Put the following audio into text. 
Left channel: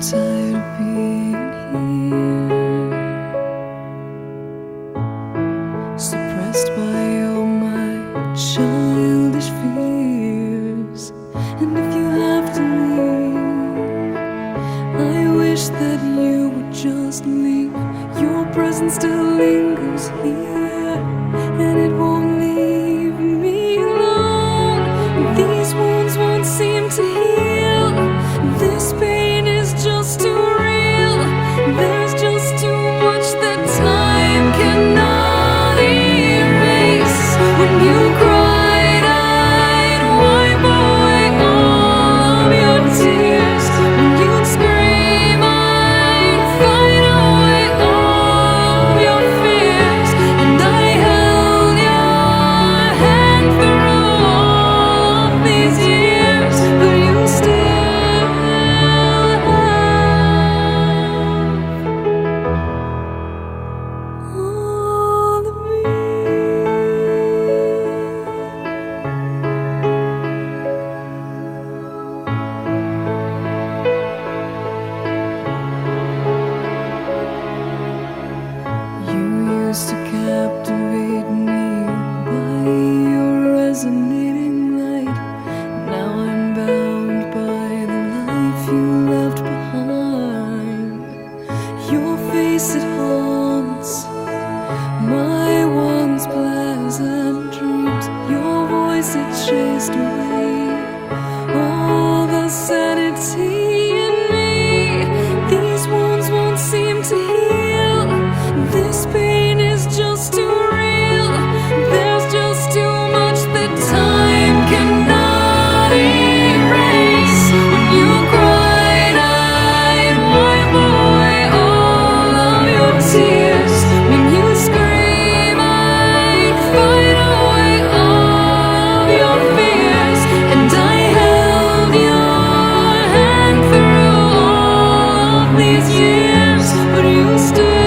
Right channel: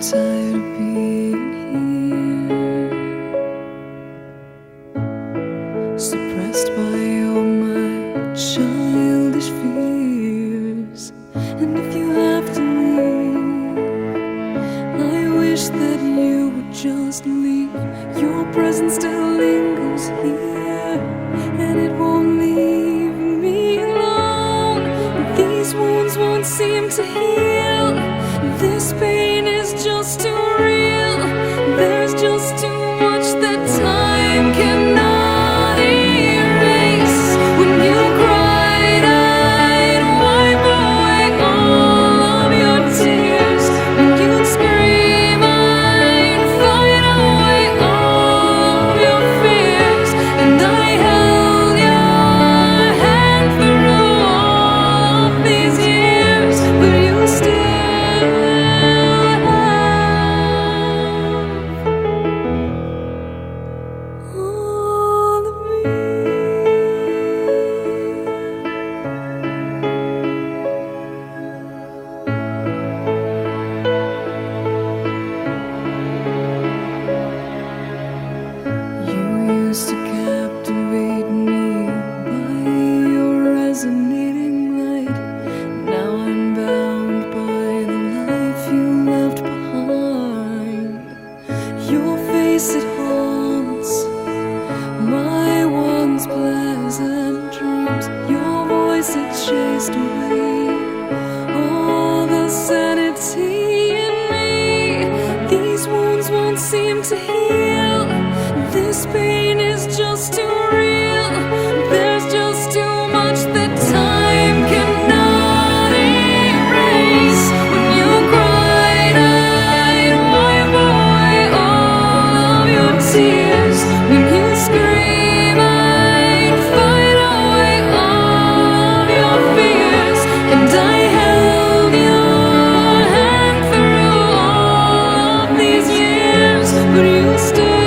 tired of being here, suppressed by all my childish fears. And if you have to leave, I wish that you would just leave. Your presence still lingers here, and it won't leave me alone. These wounds won't seem to heal. This pain is just too real. There's just too much that time cannot erase. When you cried, I'd wipe away all of your tears. When you'd scream, I'd fight away all of your fears. And I held your hand through all of these years, but you still all of me. You used to captivate me by your resonating light. Now I'm bound by the life you left behind. Your face, it haunts my once pleasant dreams. Your voice, it chased away all the sanity in me. These wounds won't seem to heal. This pain is just too real. There's just too much that time cannot erase. When you cried, I'd wipe away all of your tears. When you scream, I'd fight away all of your fears. And I held your hand through all of these years, but you still